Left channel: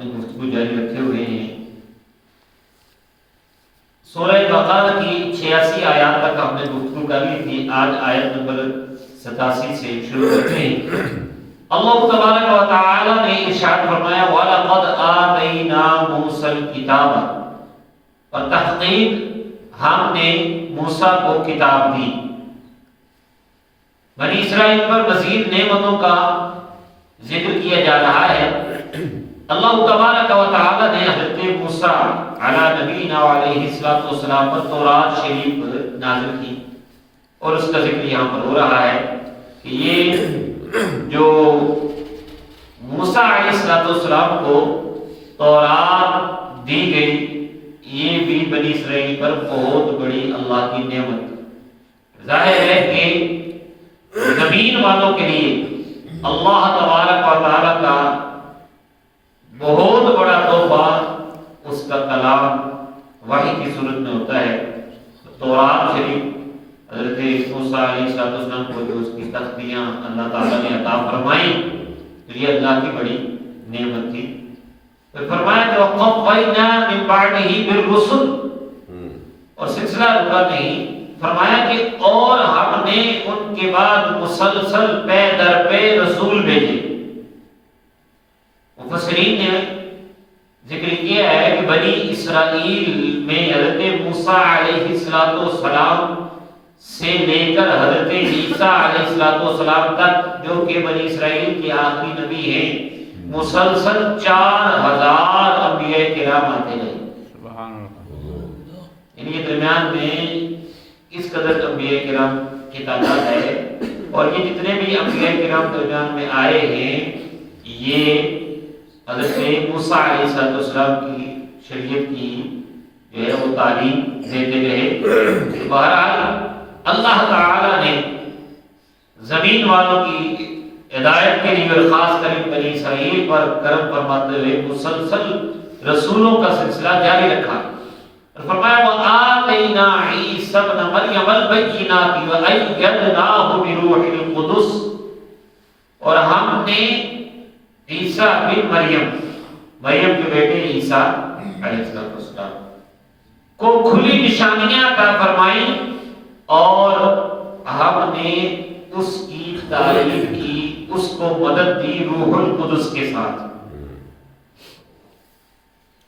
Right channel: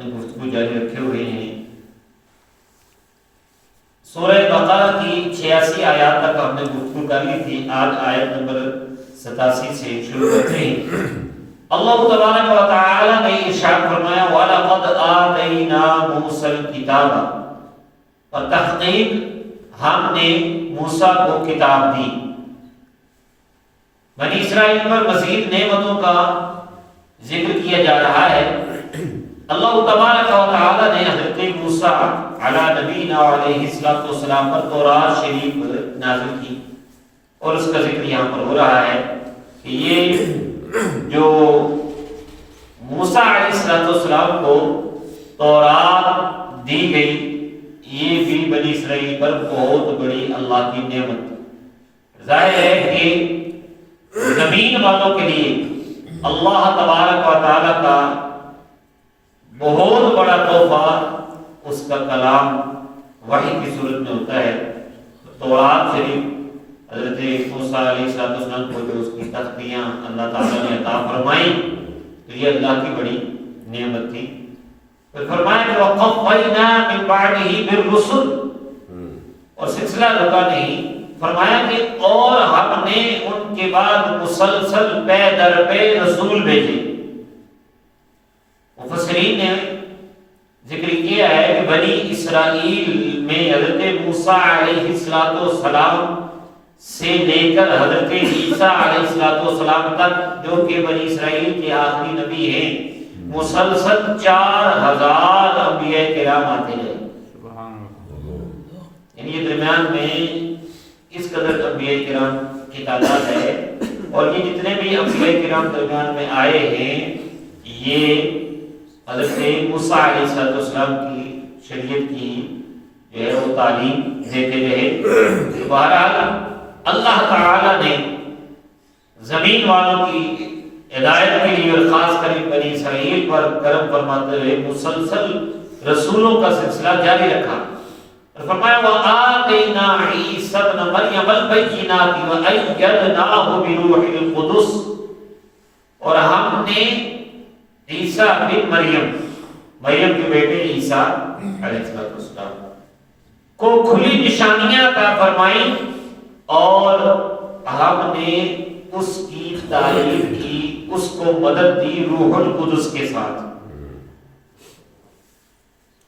اپنی گفتگو جاری رکھے ہوئے ہیں۔ سورہ بقرہ کی 86 آیات تک ہم نے گفتگو کر لی تھی، آج آیت نمبر 87 سے شروع کرتے ہیں۔ اللہ تبارک و تعالی نے ارشاد فرمایا وَلَقَدْ آتَيْنَا مُوسَى الْكِتَابَ، اور تحقیق ہم نے موسیٰ کو کتاب دی۔ بنی اسرائیل پر مزید نعمتوں کا ذکر کیا جا رہا ہے۔ اللہ تبارک و تعالی نے حضرت موسیٰ علی نبینا علیہ السلام پر تورات شریف نازل کی، اور اس کا ذکر یہاں پر ہو رہا ہے کہ یہ جو موسیٰ علیہ السلام کو تورات دی گئی، یہ بھی بنی اسرائیل پر بہت بڑی اللہ کی نعمت۔ ظاہر ہے کہ زمین والوں کے لیے اللہ تبارک و تعالی کا بہت بڑا تحفہ اس کا کلام وحی کی صورت میں ہوتا ہے۔ تورات شریف حضرت موسیٰ علیہ السلام کو جو اس کی تختیاں اللہ تعالیٰ نے عطا فرمائی، تو یہ اللہ کی بڑی نعمت تھی۔ پھر فرمایا کہ وَقَفَّيْنَا مِن بَعْدِهِ بِالرُّسُلِ، اور سلسلہ رکا نہیں، فرمایا کہ اور ہم نے ان کے بعد مسلسل پے در پے رسول بھیجے۔ مفسرین نے ذکر کیا ہے کہ بنی اسرائیل میں حضرت موسیٰ علیہ السلام سے لے کر حضرت عیسیٰ علیہ السلام تک، جو کہ بنی اسرائیل کے آخری نبی ہیں، مسلسل 4000 انبیاء کرام آتے گئے۔ یعنی یہ درمیان میں اس قدر انبیاء کرام کی تعداد ہے، اور یہ جتنے بھی انبیاء کرام درمیان میں آئے ہیں، یہ حضرت موسیٰ علیہ السلام کی شریعت کی جو ہے وہ تعلیم دیتے رہے۔ بہرحال اللہ تعالی نے زمین والوں کی ہدایت کے لیے اور خاص کر بنی اسرائیل پر کرم فرماتے ہوئے مسلسل رسولوں کا سلسلہ جاری رکھا۔ فرمایا وَآتَيْنَا عِيسَى ابْنَ مَرْيَمَ الْبَيِّنَاتِ وَأَيَّدْنَاهُ بِرُوحِ الْقُدُسِ، اور ہم نے عیسیٰ بن مریم کے بیٹے عیسیٰ علیہ السلام کو کھلی نشانیاں عطا فرمائیں، اور ہم نے اس کی تعلیم کی، اس کو مدد دی روح القدس کے ساتھ۔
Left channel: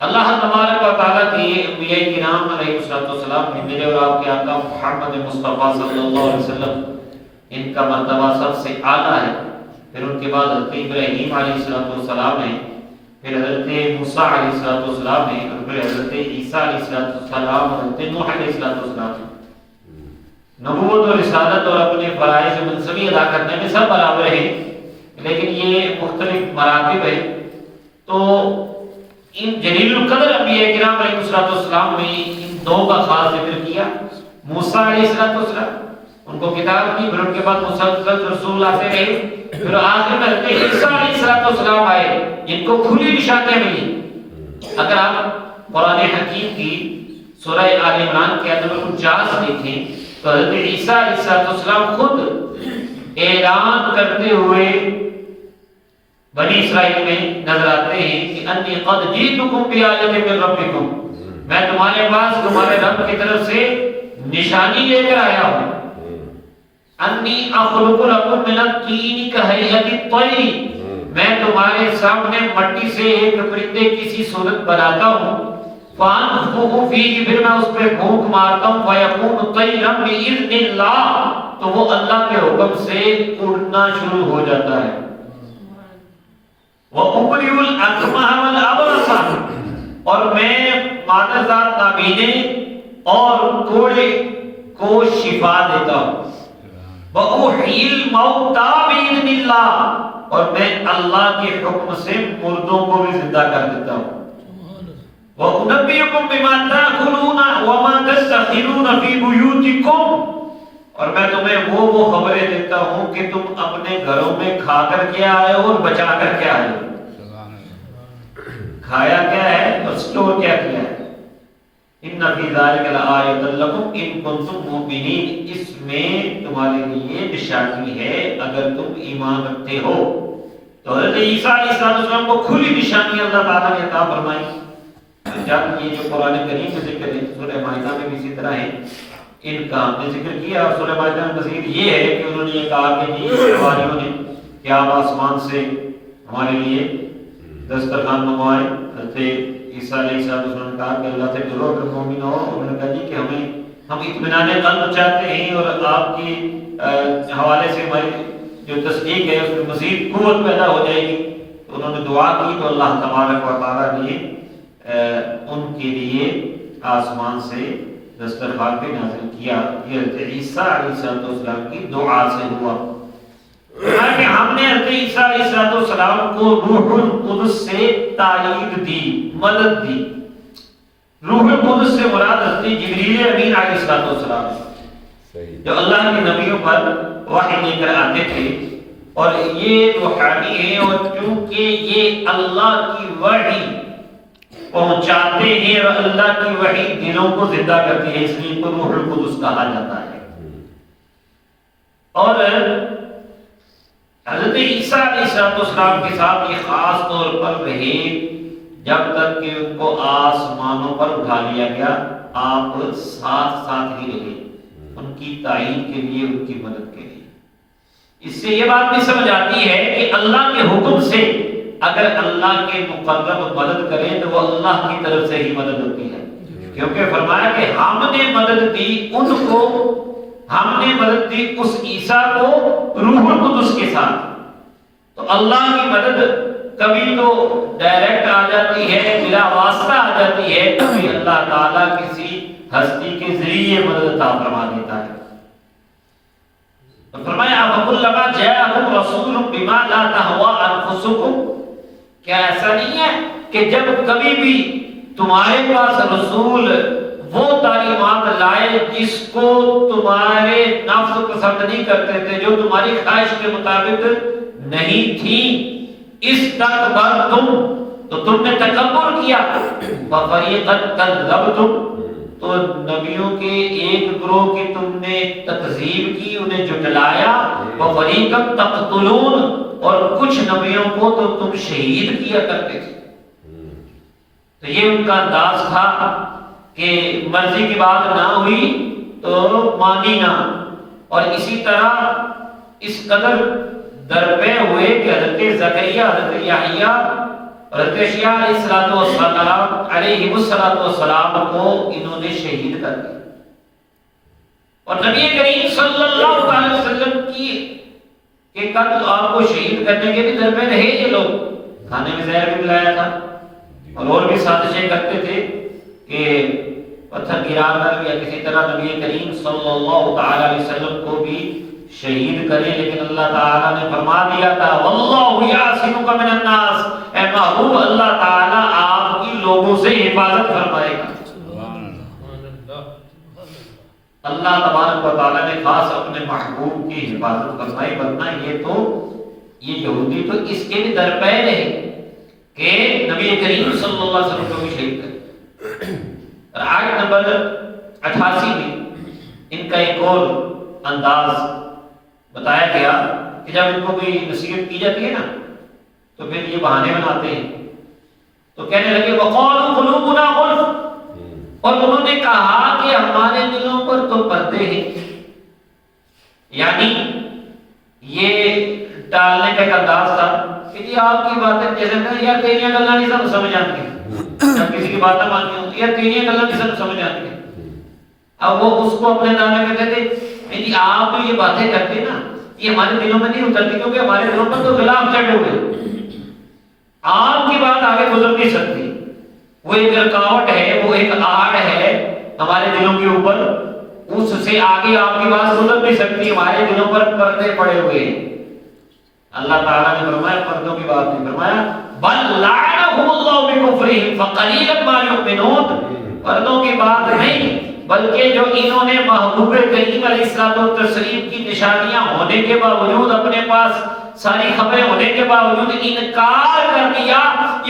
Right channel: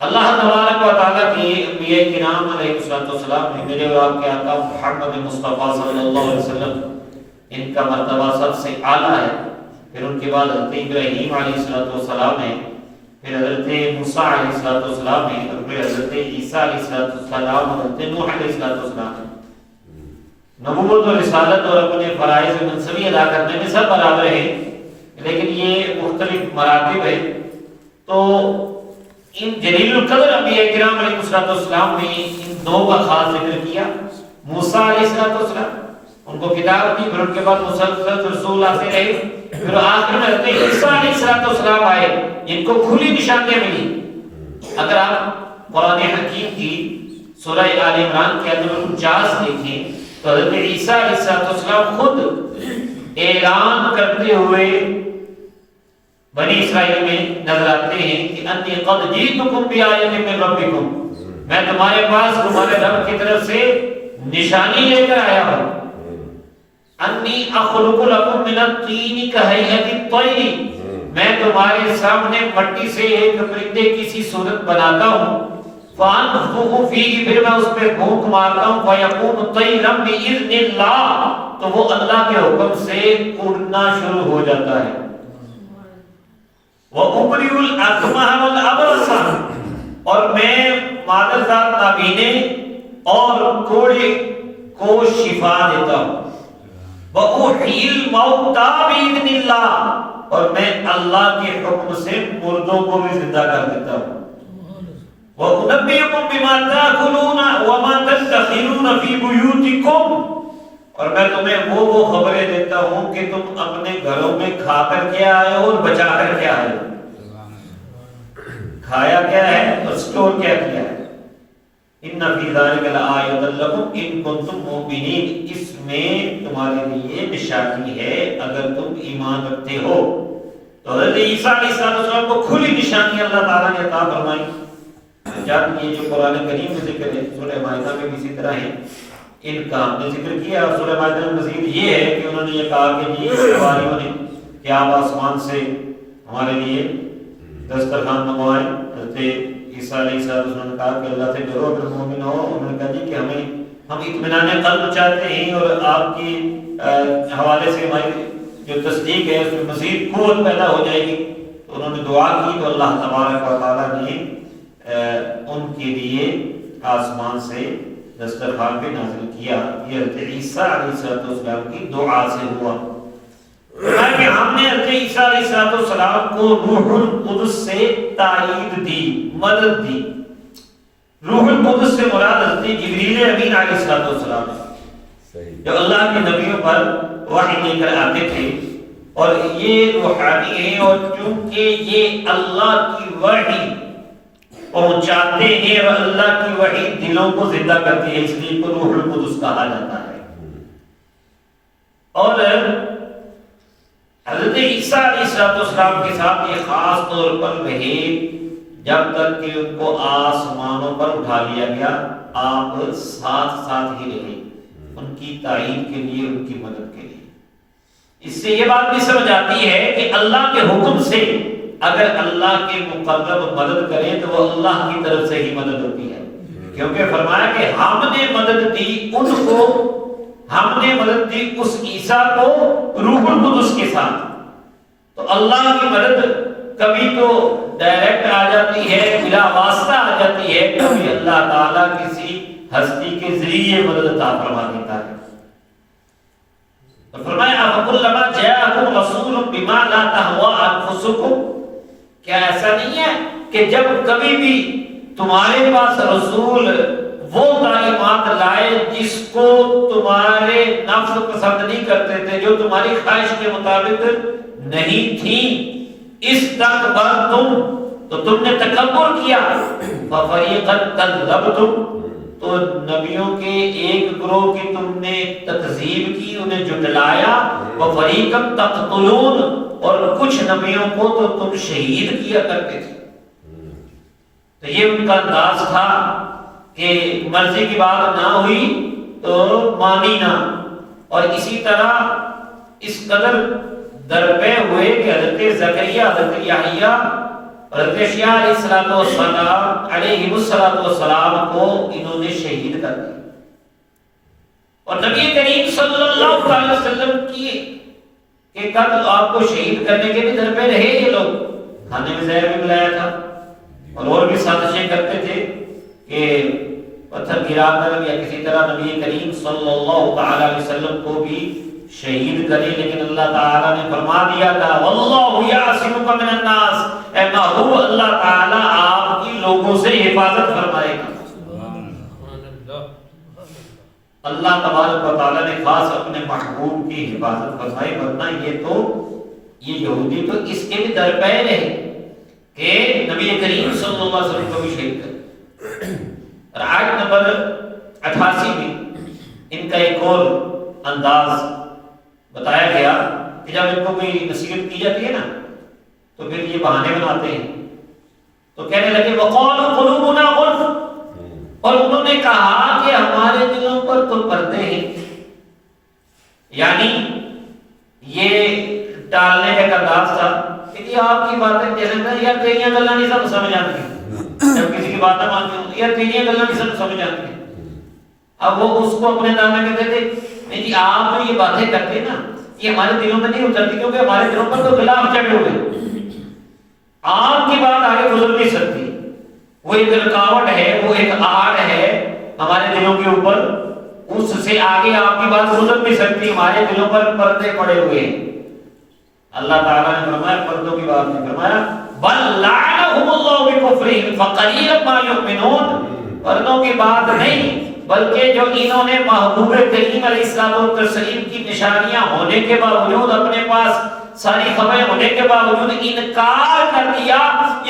اللہ تبارک و تعالیٰ کی انبیاء کرام علیہ السلام نے میرے اور آپ کے آقا محمد مصطفیٰ صلی اللہ علیہ وسلم، ان کا مرتبہ سب سے اعلیٰ ہے۔ پھر ان کے بعد حضرت ابراہیم علیہ السلام ہے، پھر حضرت موسیٰ علیہ السلام ہے، اور پھر حضرت عیسیٰ علیہ السلام، حضرت نوح علیہ السلام۔ نبوت اور رسالت اور اپنے فرائض منصبی ادا کرنے میں سب برابر ہیں، لیکن یہ مختلف مراتب ہے۔ تو ان جلیل القدر انبیاء کرام علیہ السلام میں ان دو کا خاص ذکر کیا۔ موسیٰ علیہ السلام، ان کو کتاب دی، پھر ان کے بعد مسلسل رسول آتے رہے، پھر آخر میں حضرت عیسیٰ علیہ السلام آئے، جن کو کھلی نشانیاں ملی۔ اگر آپ قرآن حکیم کی سورہ آل عمران کے آیت نمبر 49 دیکھیں تو حضرت عیسیٰ علیہ السلام خود اعلان کرتے ہوئے بنی اسرائیل میں نظر آتے ہیں کہ انی قد جئتکم بآیۃ من ربکم، میں تمہارے پاس تمہارے رب کی طرف سے نشانی لے کر آیا ہوں۔ انی اخلق لکم من الطین کہیئۃ الطیر، میں تمہارے سامنے مٹی سے ایک پرندے کی سی صورت بناتا ہوں، فانفخ فیہ، پھر میں اس پہ پھونک مارتا ہوں، فیکون طیرا بإذن اللہ، تو وہ اللہ کے حکم سے اڑنا شروع ہو جاتا ہے۔ وَأُبْرِئُ الْأَكْمَحَ وَالْأَبْرَصَ، اور میں مادرزاد نابینے اور کوڑے کو شفا دیتا ہوں۔ وَأُحْيِي الْمَوْتَىٰ بِإِذْنِ اللَّهِ، اور میں اللہ کے حکم سے مردوں کو بھی زندہ کر دیتا ہوں۔ وَأُنَبِّئُكُم بِمَا تَأْكُلُونَ وَمَا تَدَّخِرُونَ فِي بُيُوتِكُمْ، اور میں تمہیں وہ خبریں دیتا ہوں کہ تم اپنے گھروں میں کھا کر کے آئے ہو اور بچا کر کے آئے ہو۔ کھایا کیا ہے اور سٹور کیا کیا ہے۔ ان فی ذلک لآیۃ لکم ان کنتم مؤمنین، اس میں تمہارے لیے نشانی ہے اگر تم ایمان رکھتے ہو۔ تو حضرت عیسیٰ علیہ السلام کو کھلی نشانی اللہ تعالیٰ نے عطا فرمائی. جب یہ جو قرآن کریم میں ذکر ہے سورہ مائدہ میں بھی اسی طرح ہے، ان کا ہم نے ذکر کیا. سورہ مائدہ میں مزید یہ ہے کہ انہوں نے یہ کہا کہ جی حواریوں نے کہ آپ آسمان سے ہمارے لیے دسترخوان منگوائیں. حضرت عیسیٰ علیہ السلام نے کہا کہ اللہ سے ڈرو اگر مومن ہو. انہوں نے کہا جی کہ ہم اطمینان قلب چاہتے ہیں اور آپ کی حوالے سے ہماری جو تصدیق ہے اس میں مزید قوت پیدا ہو جائے گی. تو انہوں نے دعا کی تو اللہ تبارک و تعالیٰ نے ان کے لیے آسمان سے دسترخوان پہ نازل کیا. یہ حضرت عیسیٰ علیہ السلام کی دعا سے ہوا. کہ ہم نے حضرت عیسیٰ علیہ السلام کو روح القدس سے تائید دی، مدد دی. روح القدس سے مراد حضرت جبریل امین علیہ السلام ہے جو اللہ کے نبیوں پر وحی لے کر آتے تھے، اور یہ روحانی ہیں اور چونکہ یہ اللہ کی وحی پہنچاتے ہیں اور اللہ کی وحی دلوں کو زندہ کرتی ہے، اس لیے کو روح القدس کہا جاتا ہے. اور حضرت عیسیٰ علیہ السلام کے ساتھ یہ خاص طور پر رہے جب تک کہ ان کو آسمانوں پر اٹھا لیا گیا. آپ ساتھ ساتھ ہی رہے ان کی تعین کے لیے، ان کی مدد کے لیے. اس سے یہ بات بھی سمجھ آتی ہے کہ اللہ کے حکم سے اگر اللہ کے مقرب مدد کریں تو وہ اللہ کی طرف سے ہی مدد ہوتی ہے. کیونکہ فرمایا کہ ہم نے مدد دی ان کو، ہم نے مدد دی اس عیسیٰ کو روح القدس کے ساتھ. تو اللہ کی مدد کبھی تو ڈائریکٹ آ جاتی ہے، بلا واسطہ آ جاتی ہے، کبھی اللہ تعالیٰ کسی ہستی کے ذریعے مدد عطا فرما دیتا ہے. فرمایا فَكُلَّمَا جَاءَكُمْ رَسُولٌ بِمَا لَا تَهْوَىٰ أَنفُسُكُمْ، کیا ایسا نہیں ہے کہ جب کبھی بھی تمہارے پاس رسول وہ تعلیمات لائے جس کو تمہارے نفس پسند نہیں کرتے تھے، جو تمہاری خواہش کے مطابق نہیں تھی، استکبرتم، تو تم نے تکبر کیا، فَفَرِيقًا كَذَّبْتُمْ، تو نبیوں کے ایک گروہ کی تم نے تکذیب کی، انہیں جھٹلایا، وَفَرِيقًا تَقْتُلُونَ، اور کچھ نبیوں کو تو تم شہید کیا کرتے تھے. تو یہ ان کا انداز تھا کہ مرضی کی بات نہ ہوئی تو مانی نہ. اور اسی طرح اس قدر درپے ہوئے کہ حضرت زکریا، حضرت یحییٰ اور حضرت یحییٰ علیہ السلام کو انہوں نے شہید کر دیا. اور نبی کریم صلی اللہ علیہ وسلم کی کہ قتل آپ کو شہید کرنے کے بھی در پہ رہے یہ لوگ. کھانے میں زہر بھی ملایا تھا اور بھی سازشیں کرتے تھے کہ پتھر گرا کر یا کسی طرح نبی کریم صلی اللہ تعالی علیہ وسلم کو بھی شہید کرے. لیکن اللہ تعالیٰ نے فرما دیا تھا واللہ یعصمک من الناس، اے محبوب اللہ تعالیٰ آپ کی لوگوں سے حفاظت فرمائے گا. اللہ تبارک و تعالیٰ نے خاص اپنے محبوب کی حفاظت فرمائی، ورنہ یہ یہودی تو اس کے بھی درپے رہے کہ نبی کریم صلی اللہ علیہ وسلم کو بھی شہید کرے. اور آیت نمبر 88 میں ان کا ایک اور انداز بتایا گیا کہ جب ان کو کوئی نصیحت کی جاتی ہے نا تو پھر یہ بہانے بناتے ہیں. تو کہنے لگے وَقَالُوا قُلُوبُنَا غُلْفٌ، اور انہوں نے کہا کہ ہمارے دلوں پر تو پردے ہیں. یعنی یہ ٹالنے کا انداز تھا کہ جی آپ کی باتیں جیسے میں یار تیریاں گلاں نہیں سب سمجھ آتی ہیں، جب کسی کی باتیں مانتی ہوں یار تیریاں گلاں نہیں سب سمجھ آتی ہیں. اب وہ اس کو اپنے دامے میں کہتے نہیں جی آپ جو یہ باتیں کرتے نا یہ ہمارے دلوں میں نہیں اترتی، کیونکہ ہمارے دلوں پر تو خلاف چڑھے ہوئے، آپ کی بات آگے گزر نہیں سکتی. وہ ایک رکاوٹ ہے، وہ ایک آڑ ہے ہمارے دلوں کے اوپر، اس سے آگے آپ کی بات گزر نہیں سکتی، ہمارے دلوں پر پردے پڑے ہوئے ہیں. اللہ تعالیٰ نے فرمایا پردوں کی بات نہیں فرمایا بل لعنهم اللہ بکفرہم فقلیلا ما یؤمنون، پردوں کی بات نہیں بلکہ جو انہوں نے محبوب کریم علیہ السلام و تسلیم کی نشانیاں ہونے کے باوجود، اپنے پاس ساری خبریں ہونے کے باوجود انکار کر دیا،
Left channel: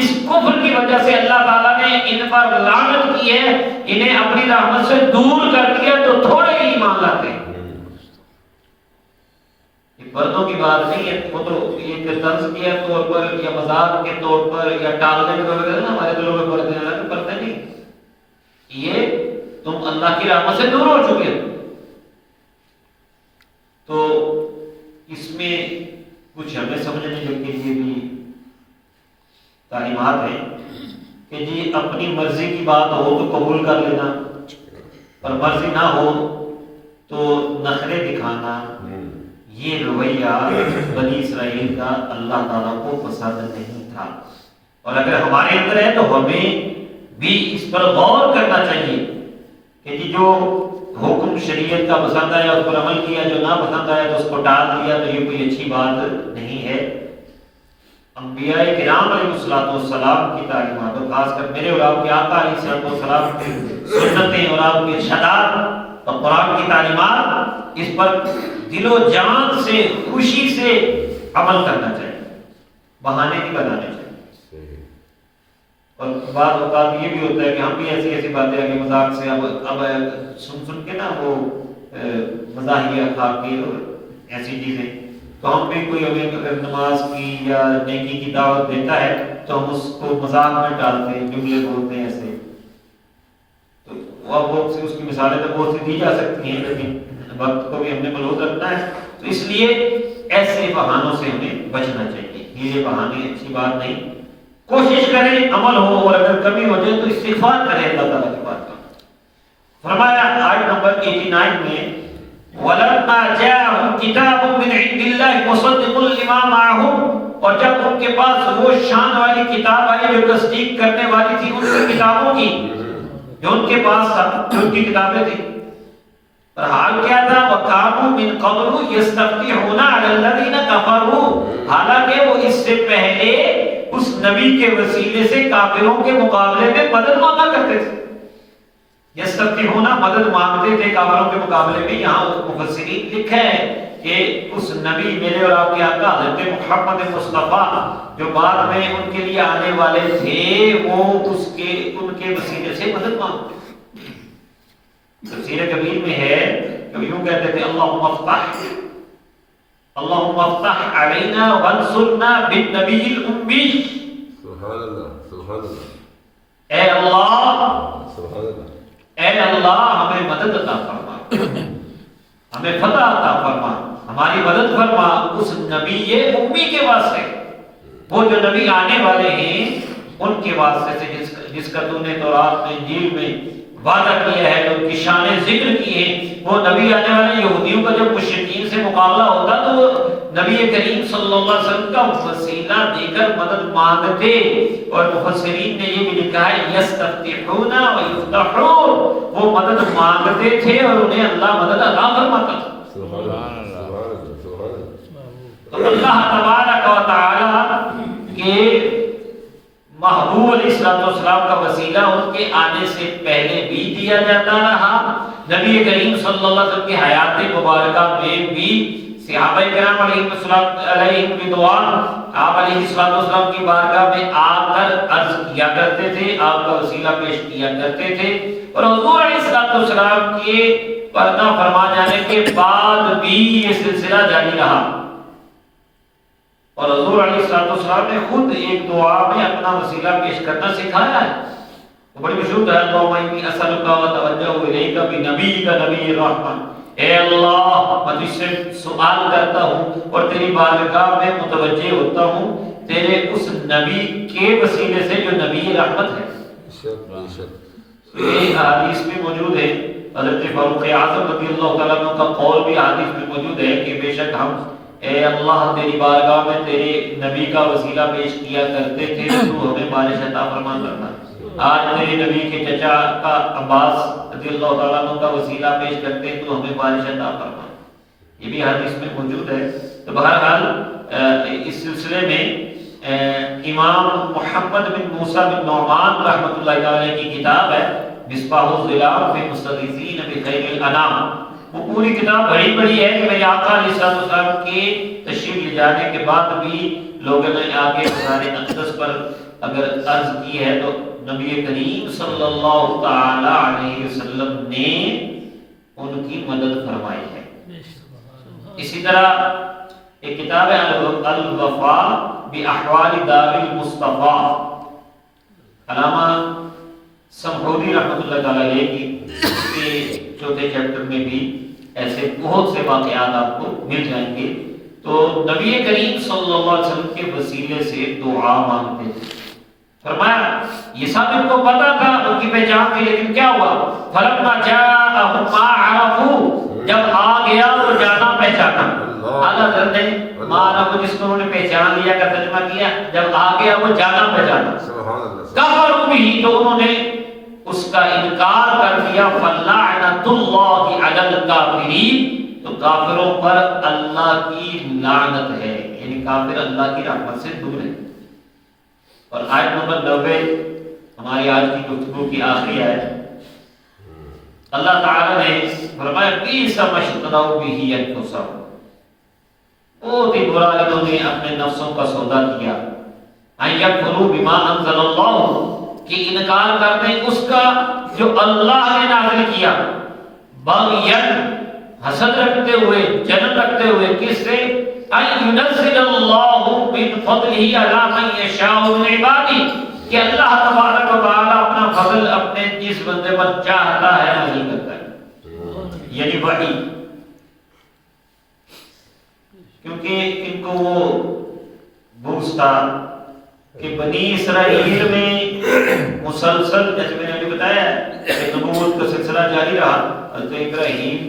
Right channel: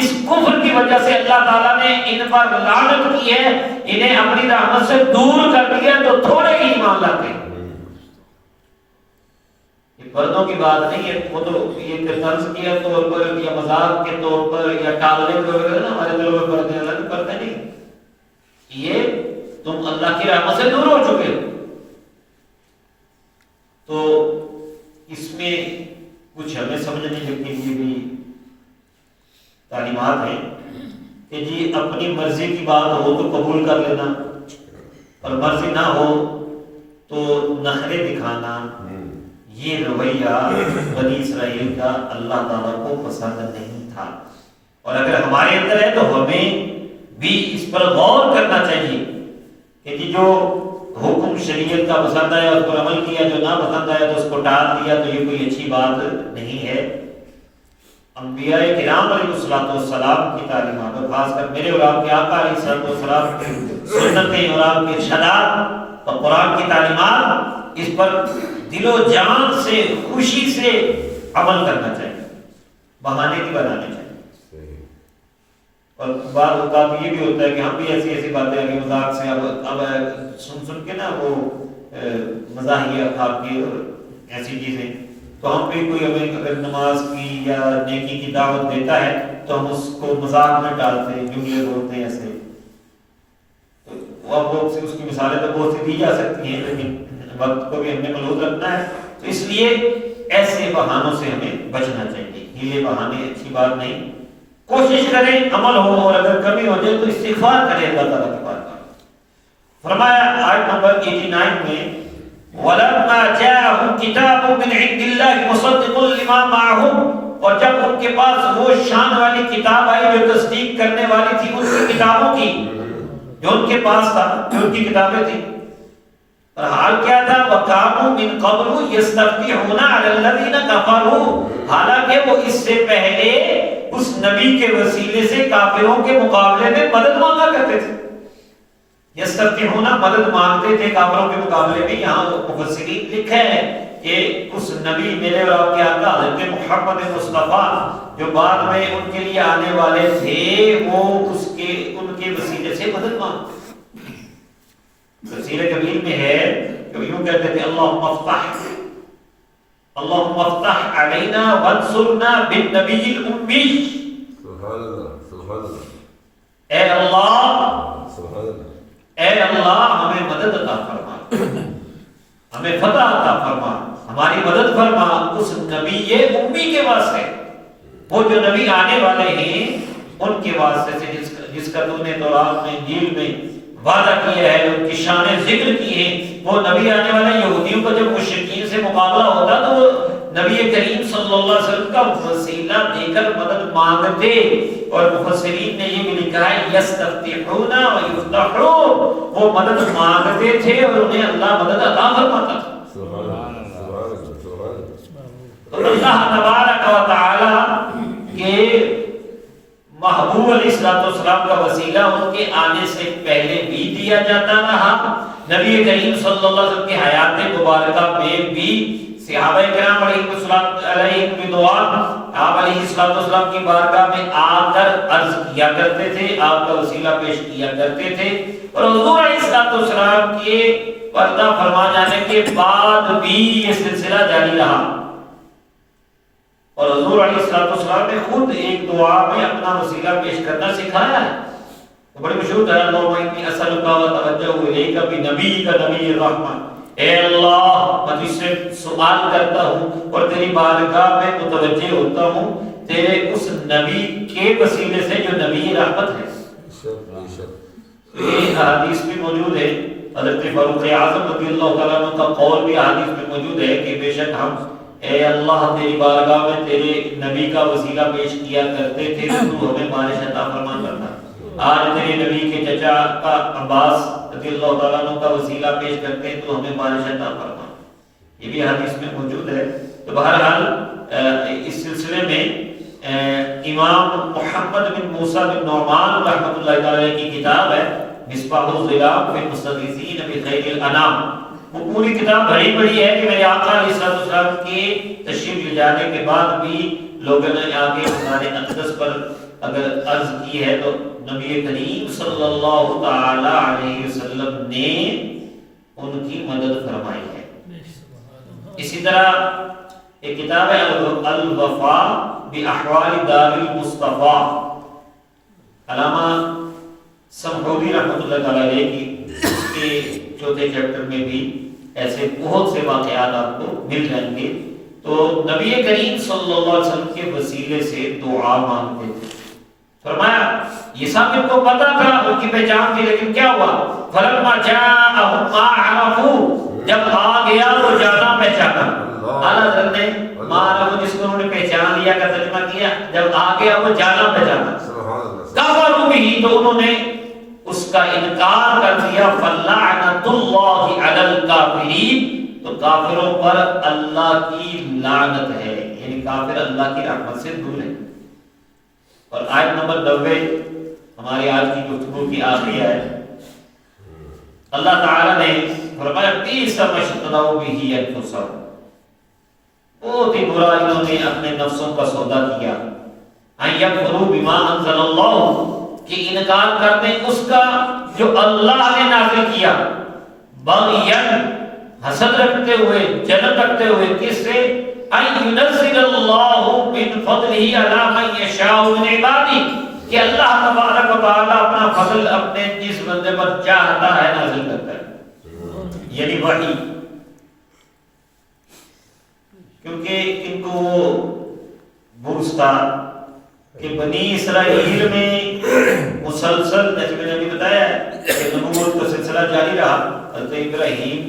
اس کفر کی وجہ سے اللہ تعالیٰ نے ان پر لعنت کی ہے، انہیں اپنی رحمت سے دور کر دیا. تو تھوڑے ہی ایمان لاتے ہیں. یہ پردوں کی بات نہیں ہے، وہ تو یہ طرز کے طور پر یا مذاق کے طور پر یا ٹالنے کے طور پر نا ہمارے دلوں میں پردے ہیں، اللہ پردے نہیں، یہ تم اللہ کی رحمت سے دور ہو چکے ہو۔ تو اس میں کچھ ہمیں سمجھنے کے لیے بھی تعلیمات ہیں کہ جی اپنی مرضی کی بات ہو تو قبول کر لینا، اور مرضی نہ ہو تو نخرے دکھانا، یہ رویہ بنی اسرائیل کا اللہ تعالیٰ کو پسند نہیں تھا۔ اور اگر ہمارے اندر ہے تو ہمیں بھی اس پر غور کرنا چاہیے کہ جی جو حکم شریعت کا پسند آیا اس پر عمل کیا، جو نہ پسند آیا تو اس کو ٹال دیا، تو یہ کوئی اچھی بات نہیں ہے۔ انبیاء کرام علیہ السلام کی تعلیمات، اور خاص کر میرے اور آپ کے آقا علیہ السلام کی سنتیں اور آپ کے ارشادات اور قرآن کی تعلیمات، اس پر دل و جان سے خوشی سے عمل کرنا چاہیے، بہانے نہیں بنانے چاہیے۔ اور بعض اوقات یہ بھی ہوتا ہے کہ ہم بھی ایسی باتیں آگے مذاق سے اب سن کے نا وہ مزاحیہ کھا کے اور ایسی چیزیں، تو ہم بھی کوئی ہمیں اگر نماز کی یا نیکی کی دعوت دیتا ہے تو ہم اس کو مذاق میں ڈالتے ہیں، جملے بولتے ہیں ایسے۔ تو اب اس کی مثالیں تو بہت سی دی جا سکتی ہیں، لیکن وقت کو بھی ہم نے ملحوظ رکھنا ہے، تو اس لیے ایسے بہانوں سے ہمیں بچنا چاہیے۔ یہ بہانے اچھی بات نہیں، کوشش کریں عمل ہو، اور اگر کمی ہو جائے تو استغفار کریں اللہ تعالیٰ کے پاس۔ فرمایا آیت نمبر 89 میں وَلَمَّا جَاءَهُمْ كِتَابٌ مِّنْ عِندِ اللَّهِ مُصَدِّقٌ لِمَا مَعَهُمْ، اور جب ان کے پاس وہ شان والی کتاب آئی جو تصدیق کرنے والی تھی ان کی کتابوں کی، جو ان کے پاس تھا، جو ان کی کتابیں تھیں، اور حال کیا تھا وَكَانُوا مِن قَبْلُ يَسْتَفْتِحُونَ عَلَى الَّذِينَ كَفَرُوا، حالانکہ وہ اس سے پہلے اس نبی کے وسیلے سے کافروں کے مقابلے میں مدد مانگا کرتے تھے۔ یستفتحون مدد مانگتے تھے کافروں کے مقابلے میں۔ یہاں مفسرین لکھے ہیں کہ اس نبی میرے اور آپ کے آقا حضرت محمد مصطفیٰ جو بعد میں ان کے لیے آنے والے تھے، وہ ان کے وسیلے سے مدد مانگتے تھے۔ تفسیر کبیر میں ہے کہ یوں کہتے تھے اللہم افتح علینا وانصرنا بالنبی الامی، سبحان اللہ سبحان اللہ، اے اللہ سبحان اللہ، اے اللہ ہمیں مدد عطا فرما، ہمیں فتح عطا فرما، ہماری مدد فرما اس نبی امی کے واسطے، وہ جو نبی آنے والے ہیں ان کے واسطے سے جس کا تو نے تورات میں انجیل میں وعدہ کیا ہے، جو ان کی شان ذکر کی ہے۔ وہ نبی آنے والے یہودیوں کا جب مشرکین سے مقابلہ ہوتا تو وہ نبی کریم صلی اللہ علیہ وسلم کا وسیلہ دے کر مدد مانگتے، اور مفسرین نے یہ بھی لکھا ہے یستفتحون ویفتحون، وہ مدد مانگتے تھے اور انہیں اللہ مدد عطا فرماتا تھا۔ سبحان اللہ سبحان اللہ سبحان اللہ۔ تو اللہ تبارک و تعالی کے محبوب علیہ السلام کا وسیلہ ان کے آنے سے پہلے بھی دیا جاتا رہا۔ نبی کریم صلی اللہ علیہ وسلم کی حیات مبارکہ میں بھی صحابہ کرام علیہ رضوان آپ علیہ السلام کی بارگاہ میں آ کر عرض کیا کرتے تھے، آپ کا وسیلہ پیش کیا کرتے تھے، اور حضور علیہ السلام کے پردہ فرما جانے کے بعد بھی یہ سلسلہ جاری رہا۔ اور حضور علیہ السلام نے خود ایک دعا میں اپنا وسیلہ پیش کرنا سکھایا ہے، وہ بڑی مشہور ہے، اللہم انی اسألک و اتوجہ الیک بنبیک نبی الرحمہ، اے اللہ میں تجھ سے سوال کرتا ہوں اور تیری بارگاہ میں متوجہ ہوتا ہوں تیرے اس نبی کے وسیلے سے جو نبی رحمت ہے۔ یہ حدیث بھی موجود ہے، حضرت فاروق اعظم رضی اللہ تعالیٰ عنہ کا قول بھی حدیث میں موجود ہے کہ بے شک ہم اے اللہ تیری بارگاہ میں تیرے نبی کا وسیلہ پیش کیا کرتے تھے، تو ہمیں بارش عطا فرما کرنا۔ آج تیرے نبی کے چچا کا عباس رضی اللہ تعالیٰ عنہ کا وسیلہ پیش کرتے ہیں تو ہمیں بارش عطا فرما۔ یہ بھی حدیث میں موجود ہے۔ تو بہرحال اس سلسلے میں امام محمد بن موسیٰ بن نعمان رحمۃ اللہ تعالی کی کتاب ہے مصباح الظلام فی المستغیثین بخیر الانام، وہ پوری کتاب بڑی بڑی ہے کہ میرے آقا علیہ السلام کے تشریف لے جانے کے بعد بھی لوگوں نے آگے مزار اقدس پر اگر عرض کی ہے تو نبی کریم صلی اللہ تعالی علیہ وسلم نے ان کی مدد فرمائی ہے۔ اسی طرح ایک کتاب ہے الوفاء باحوال دار المصطفیٰ، علامہ سمحودی رحمۃ اللہ تعالیٰ علیہ کی اس کے چوتھے چیپٹر میں بھی ایسے بہت سے واقعات آپ کو مل جائیں گے۔ تو نبی کریم صلی اللہ علیہ وسلم کے وسیلے سے دعا مانگتے تھے۔ فرمایا یہ سب ان کو پتا تھا ان کی پہچان کی، لیکن کیا ہوا؟ فلما جاءهم ما عرفوا، جب آ گیا وہ جانا پہچانا۔ اعلیٰ حضرت نے ما عرفوا جس کو انہوں نے پہچان لیا کا ترجمہ کیا، جب آ گیا وہ جانا پہچانا۔ کفروا به، تو انہوں نے اس کا انکار کر دیا۔ فلعنۃ اللہ علی الکافرین، تو کافروں پر اللہ کی لعنت ہے، یعنی کافر اللہ کی رحمت سے دور ہے۔ اور آیت نمبر 90 ہماری آج کی گفتگو کی آخری آیت، اللہ تعالیٰ نے فرمایا بئس ما اشتروا به انفسهم، بہت ہی برا انہوں نے اپنے نفسوں کا سودا کیا۔ ان یکفروا بما انزل اللہ، کہ انکار کر دیں اس کا جو اللہ نے نازل کیا، بغیًا، حسد رکھتے ہوئے، جلن رکھتے ہوئے، کس سے؟ ان ينزل اللہ من فضلہ علی من یشاء من عبادہ، کہ اللہ تبارک و تعالی اپنا فضل اپنے جس بندے پر چاہتا ہے نازل کرتا ہے، یعنی وحی۔ کیونکہ ان کو وہ بغض تھا کہ بنی اسرائیل میں مسلسل، جیسے میں نے ابھی بتایا کہ نبوت کا سلسلہ جاری رہا، حضرت ابراہیم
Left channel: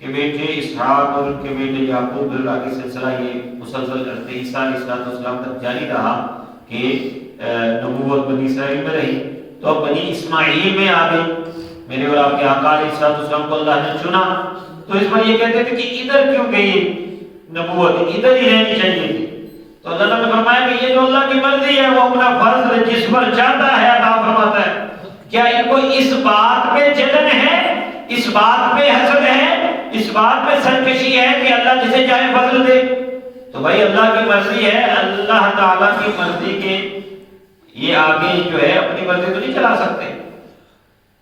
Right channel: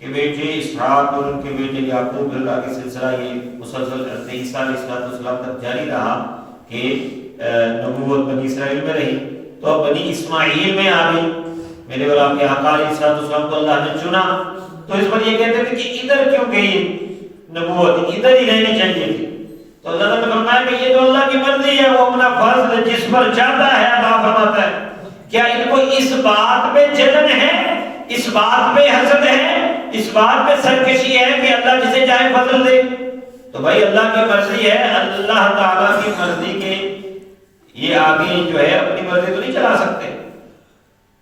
کے بیٹے اسحاق اور ان کے بیٹے یعقوب اللہ کے سلسلہ یہ مسلسل حضرت عیسیٰ علیہ السلام تک جاری رہا کہ نبوت بنی اسرائیل میں رہی۔ تو اب بنی اسماعیل میں آ گئی، میرے اور آپ کے آقا علیہ السلام کو اللہ نے چنا، تو اس پر یہ کہتے تھے کہ ادھر کیوں گئی نبوت، ادھر ہی رہنی چاہیے تھی۔ تو اللہ تعالیٰ نے فرمایا کہ یہ جو اللہ کی مرضی ہے وہ اپنا فرض جس پر چاہتا ہے عطا فرماتا ہے۔ کیا ان کو اس بات پہ جلن ہے، اس بات پہ حسد ہے، اس بات پہ سرکشی ہے کہ اللہ جسے چاہے فضل دے؟ تو بھائی اللہ کی مرضی ہے، اللہ تعالیٰ کی مرضی کے یہ آگے جو ہے اپنی مرضی تو نہیں چلا سکتے۔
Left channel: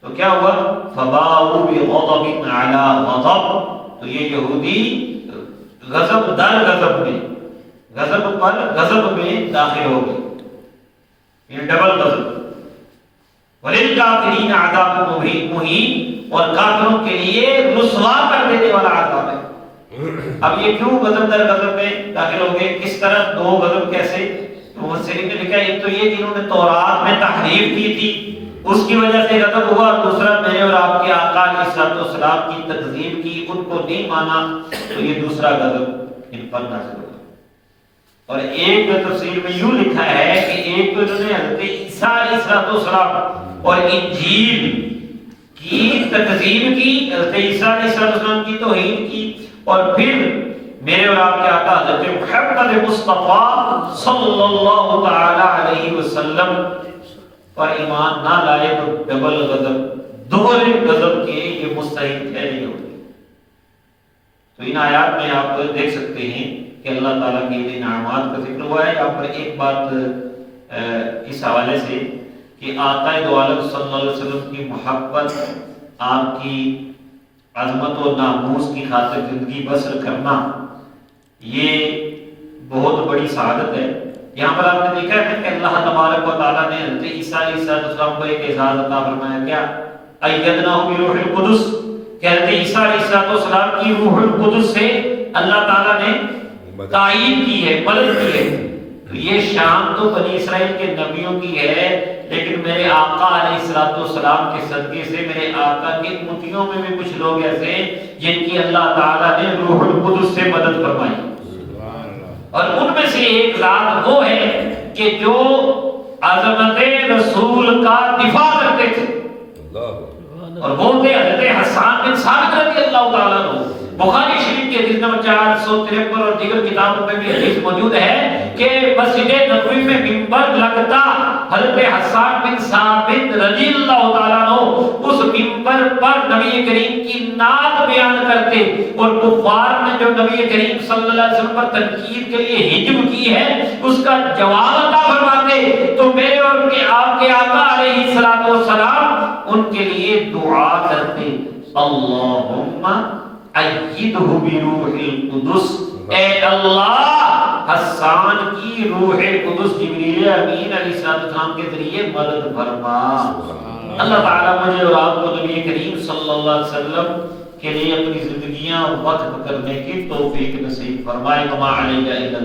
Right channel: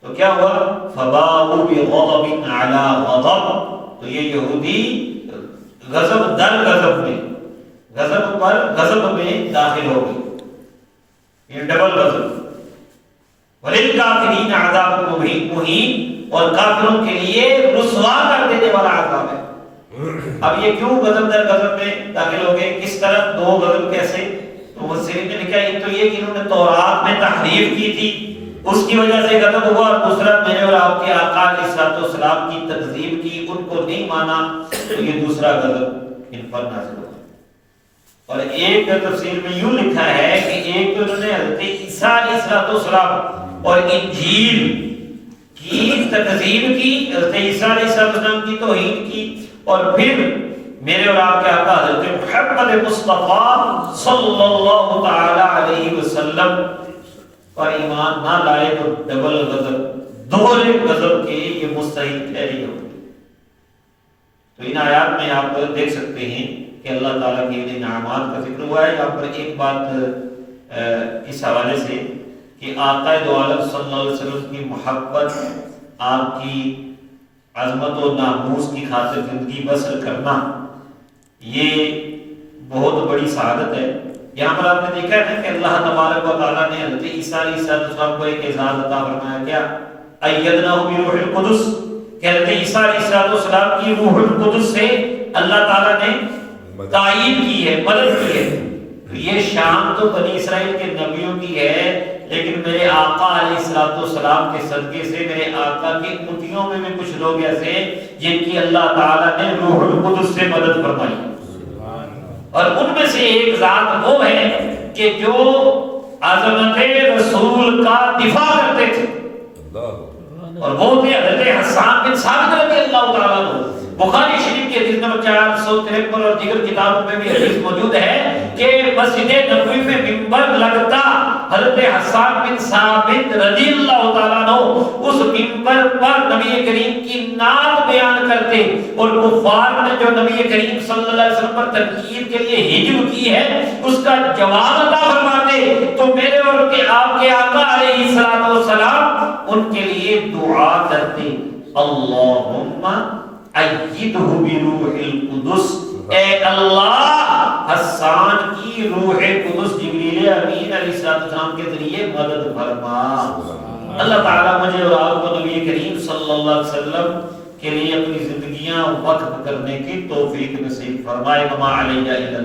تو کیا ہوا؟ فباءوا بغضب علی غضب، تو یہ یہودی غضب در غضب میں، غضب پر غضب میں داخل ہو گئے، یہ ڈبل غضب۔ وَلِلْكَافِرِينَ عَذَابٌ مُهِينٌ، اور کافروں کے لیے رسوا کر دینے والا عذاب ہے۔ اب یہ کیوں غضب در غضب میں داخل ہو گئے؟ کس طرح دو غضب کیسے؟ تو مفسرین نے لکھا ایک تو یہ کہ انہوں نے تورات میں تحریف کی تھی، اس کی وجہ سے غضب ہوا، اور دوسرا میرے اور آپ کے آقا علیہ السلام کی تکذیب کی، ان کو نہیں مانا، تو یہ دوسرا غضب ان پر نازل ہوا۔ اور ایک تفسیر میں یوں لکھا ہے کہ ایک تو انہوں نے حضرت عیسیٰ علیہ السلام اور انجیل کی تکذیب کی، حضرت عیسیٰ علیہ السلام کی توہین کی، اور پھر میرے اور آپ کے آقا حضرت محمد مصطفیٰ صلی اللہ تعالی علیہ وسلم پر ایمان نہ لائے، تو ڈبل غضب، دوہرے غضب کے یہ مستحق ٹھہری ہوگی۔ تو ان آیات میں آپ دیکھ سکتے ہیں کہ اللہ تعالیٰ کی انعامات کا ذکر ہوا ہے۔ یہاں پر ایک بات اس حوالے سے کہ آقا دو عالم صلی اللہ علیہ وسلم کی محبت، آپ کی عظمت و ناموس کی خاطر زندگی بسر کرنا، یہ بہت بڑی سعادت ہے۔ یہاں پر آپ نے دیکھا ہے کہ اللہ تبارک و تعالیٰ نے حضرت عیسیٰ علیہ السلام کو ایک اعزاز عطا فرمایا، کیا؟ ایدناہ بروح القدس، کہ حضرت عیسیٰ علیہ السلام کی روح القدس سے اللہ تعالیٰ نے تائید کی ہے، مدد کی ہے۔ تو یہ شان تو بنی اسرائیل کے نبیوں کی ہے، لیکن میرے آقا علیہ السلام کے صدقے سے میرے آقا کے امتیوں میں بھی کچھ لوگ ایسے جن کی اللہ تعالیٰ نے روح القدس سے مدد فرمائی، اور ان میں سے ایک ذات وہ ہے کہ جو عظمت رسول کا دفاع کرتے تھے، اور وہ تھے حضرت حسان بن ثابت رضی اللہ تعالیٰ عنہ۔ بخاری شریف کی حدیث نمبر 453 اور دیگر کتابوں میں بھی حدیث موجود ہے کہ مسجد نبوی میں منبر لگتا، حضرت حسان بن ثابت رضی اللہ تعالیٰ عنہ اس منبر پر نبی کریم کی نعت بیان کرتے، اور کفار نے جو نبی کریم صلی اللہ علیہ وسلم پر تنقید کے لیے ہجو کی ہے اس کا جواب عطا فرماتے، تو میرے اور آپ کے آقا علیہ السلام ان کے لیے دعا کرتے، اللہم ایدہ بروح القدس، اے اے اللہ حسان کی روح قدس جبریل امین علیہ السلام کے ذریعے مدد فرما۔ اللہ تعالیٰ مجھے اور آپ کو نبی کریم صلی اللہ علیہ وسلم کے لیے اپنی زندگیاں وقف کرنے کی توفیق نصیب فرمائے۔ وما علینا الا البلاغ۔